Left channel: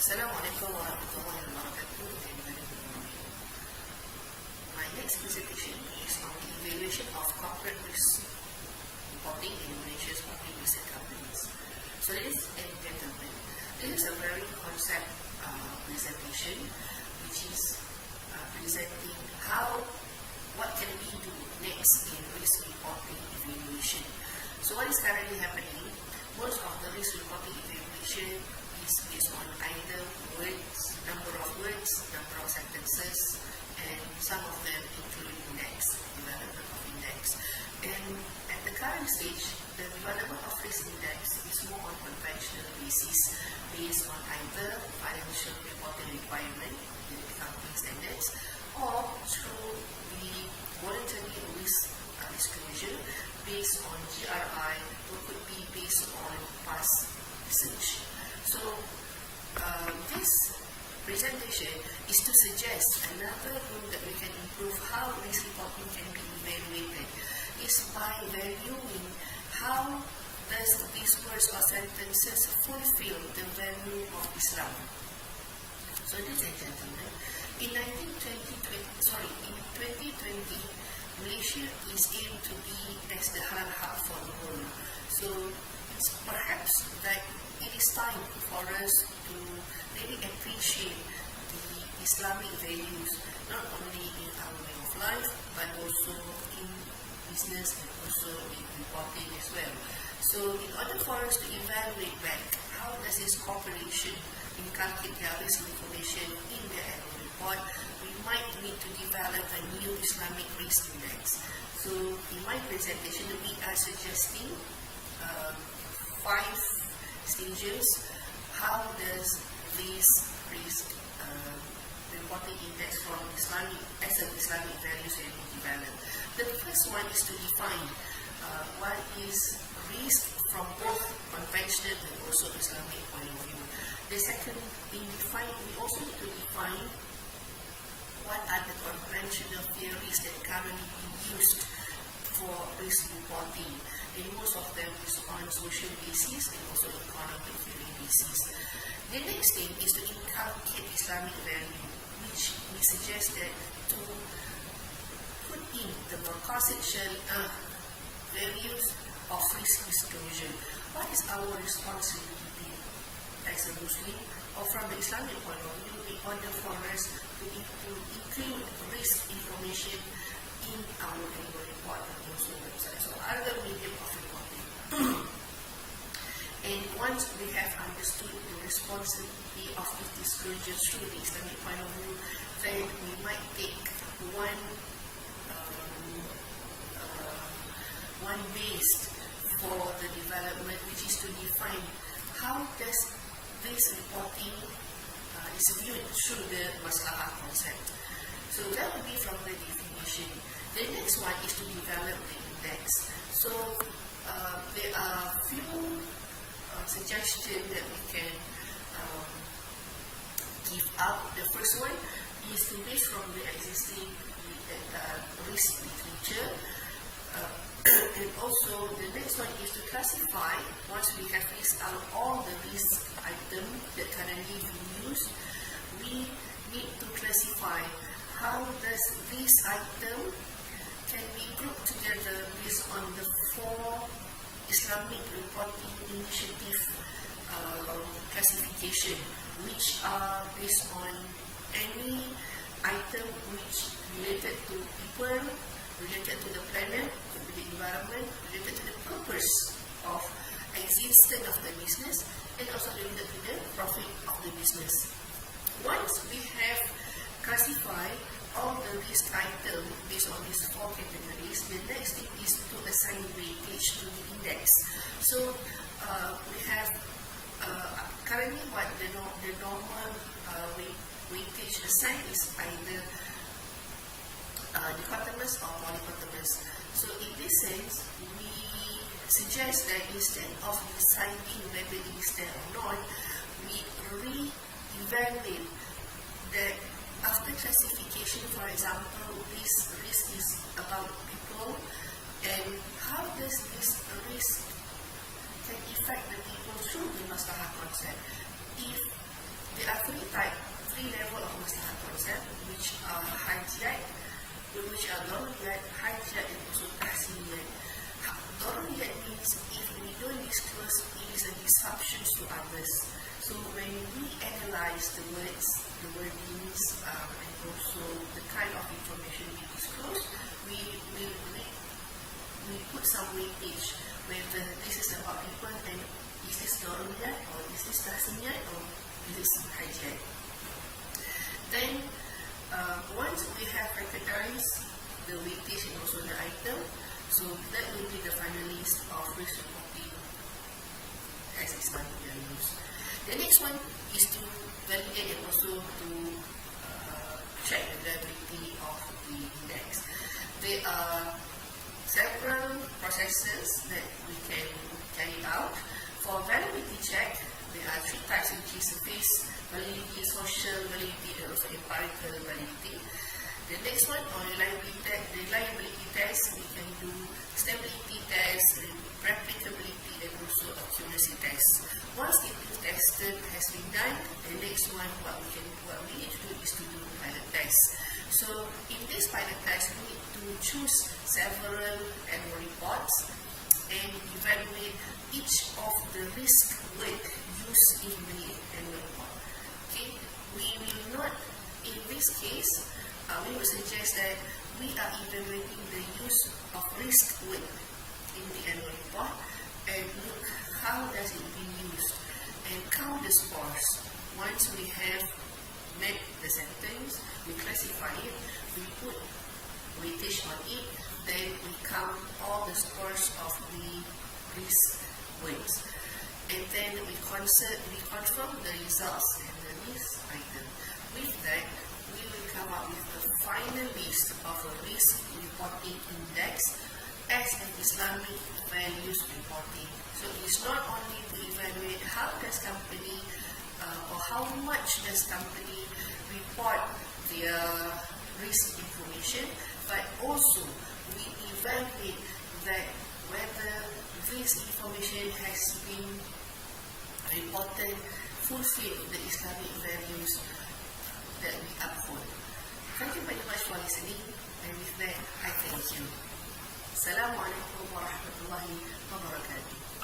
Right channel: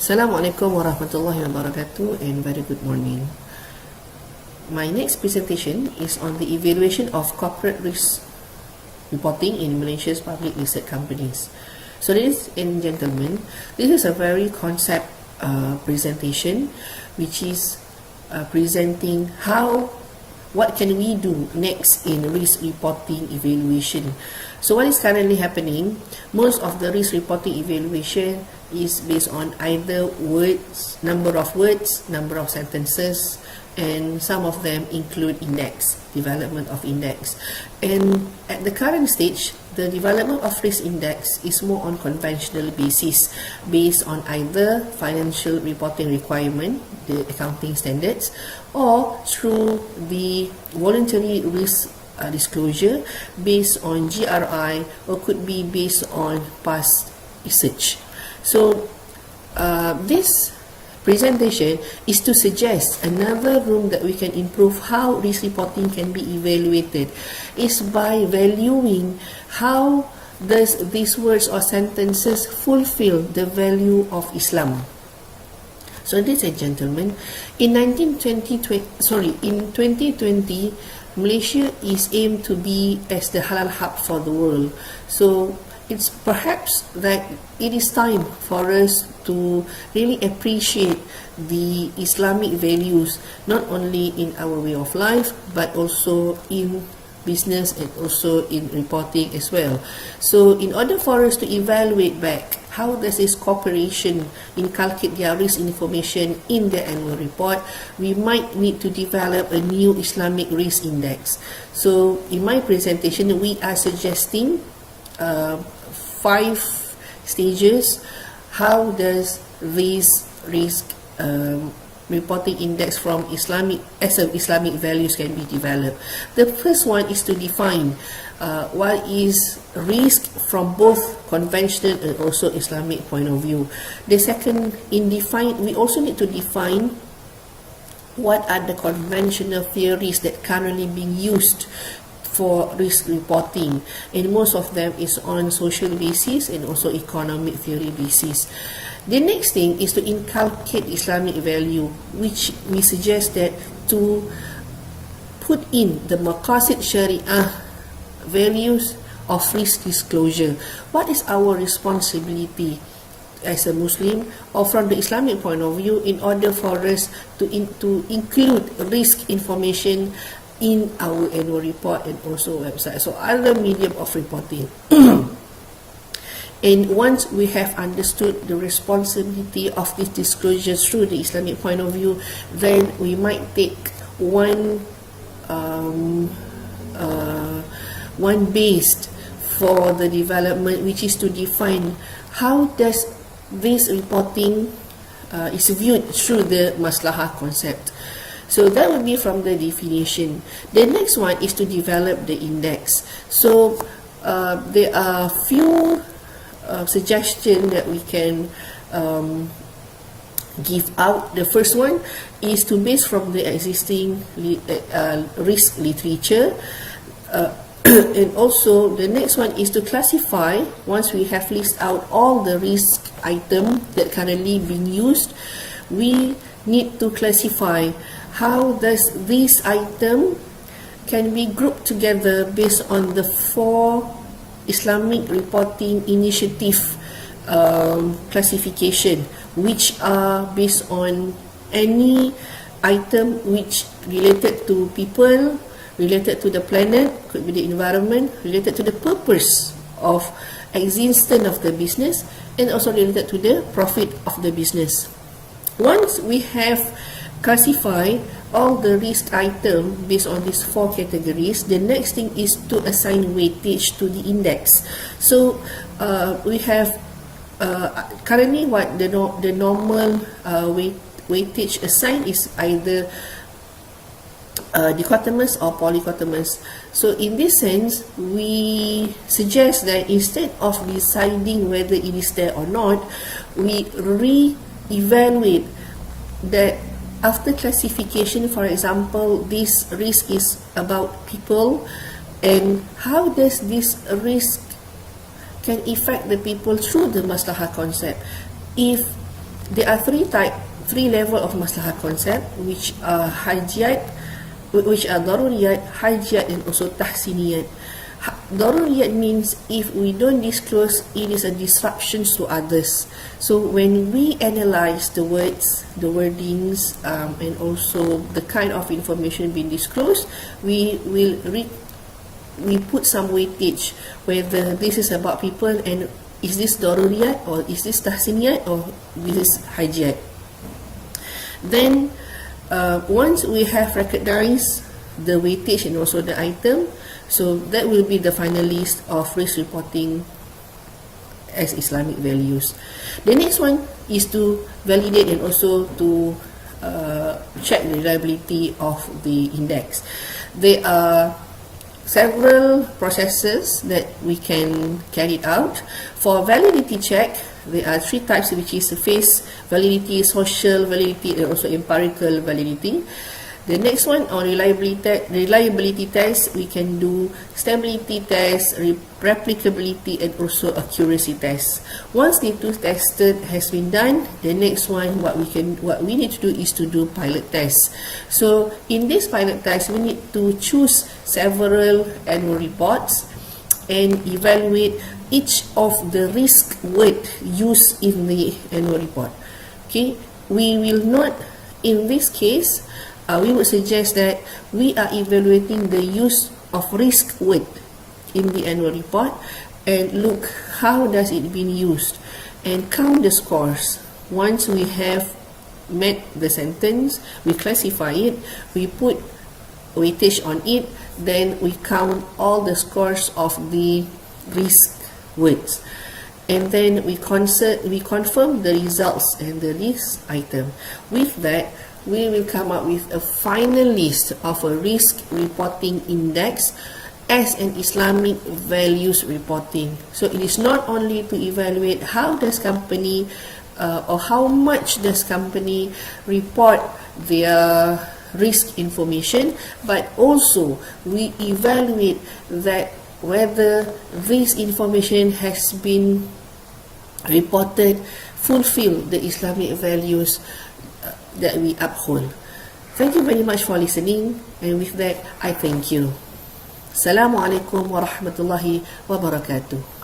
Assalamualaikum warahmatullahi wabarakatuh and very good morning. My next presentation is on the evaluation of corporate risk reporting in Malaysia's public listed companies. So ladies and gentlemen, this is a very concept presentation which is presenting what can we do next in risk reporting evaluation. So what is currently happening, most of the risk reporting evaluation is based on either number of words, number of sentences, and some of them include index, development of index. And at the current stage, the development of risk index is more on conventional basis, based on either financial reporting requirement, the accounting standards, or through the voluntary risk disclosure based on GRI, or could be based on past research. So this presentation is to suggest another room that we can improve how risk reporting can be evaluated is by valuing how does these words or sentences fulfill the value of Islam. So ladies and gentlemen, in 2020, Malaysia is aimed to be as the halal hub for the world. So it's perhaps that it is time for us to really appreciate the Islamic values, not only in our way of life, but also in business and also in reporting as well. So in order for us to evaluate back how does this corporation inculcate their risk information in their annual report, we might need to develop a new Islamic risk index. So in my presentation, we are suggesting 5 stages. How does this risk reporting index from Islamic values can be developed? The first one is to define what is risk from both conventional and also Islamic point of view. The second, we also need to define what are the conventional theories that currently being used for risk reporting, and most of them is on social basis and also economic theory basis. The next thing is to inculcate Islamic value, which we suggest that to put in the Maqasid Syariah values of risk disclosure. What is our responsibility as a Muslim or from the Islamic point of view in order for us to include risk information in our annual report and also website, so other medium of reporting. And once we have understood the responsibility of this disclosure through the Islamic point of view, then we might take one based for the development, which is to define how does this reporting is viewed through the maslahah concept. So that would be from the definition. The next one is to develop the index. So there are few suggestions that we can give out. The first one is to base from the existing risk literature. And also the next one is to classify, once we have listed out all the risk items that currently being used, we need to classify how does this item can be grouped together based on the 4 Islamic reporting initiative classification, which are based on any item which related to people, related to the planet, could be the environment, related to the purpose of existence of the business, and also related to the profit of the business. Once we have classified all the risk items based on these 4 categories, the next thing is to assign weightage to the index. So we have currently what the normal weightage assigned is either dichotomous or polychotomous. So in this sense, we suggest that instead of deciding whether it is there or not, we re-evaluate that after classification. For example, this risk is about people, and how does this risk can affect the people through the maslahah concept. If there are three level of maslahat concept, which are hajiyat, which are daruriyat, hajiyat, and also tahsiniyat. Daruriyat means if we don't disclose, it is a disruption to others. So when we analyze the words, the wordings, and also the kind of information being disclosed, we put some weightage whether this is about people, and is this daruriyat, or is this tahsiniyat, or this is hajiyat. Then once we have recognized the weightage and also the item, so that will be the final list of risk reporting as Islamic values. The next one is to validate and also to check the reliability of the index. There are several processes that we can carry out. For validity check, there are three types, which is face validity, social validity, and also empirical validity. The next one, on reliability test, we can do stability test, replicability, and also accuracy test. Once the two tested has been done, the next one, what we need to do is to do pilot tests. So in this pilot test, we need to choose several annual reports and evaluate each of the risk word used in the annual report. Okay, we will not, in this case, we would suggest that we are evaluating the use of risk word in the annual report and look how does it been used and count the scores. Once we have met the sentence, we classify it, we put weightage on it, then we count all the scores of the risk words, and then we confirm the results and the risk item. With that, we will come up with a final list of a risk reporting index as an Islamic values reporting. So it is not only to evaluate how does company or how much does company report their risk information, but also we evaluate that whether this information has been reported fulfill the Islamic values that we uphold. Thank you very much for listening, and with that I thank you. Assalamualaikum warahmatullahi wabarakatuh.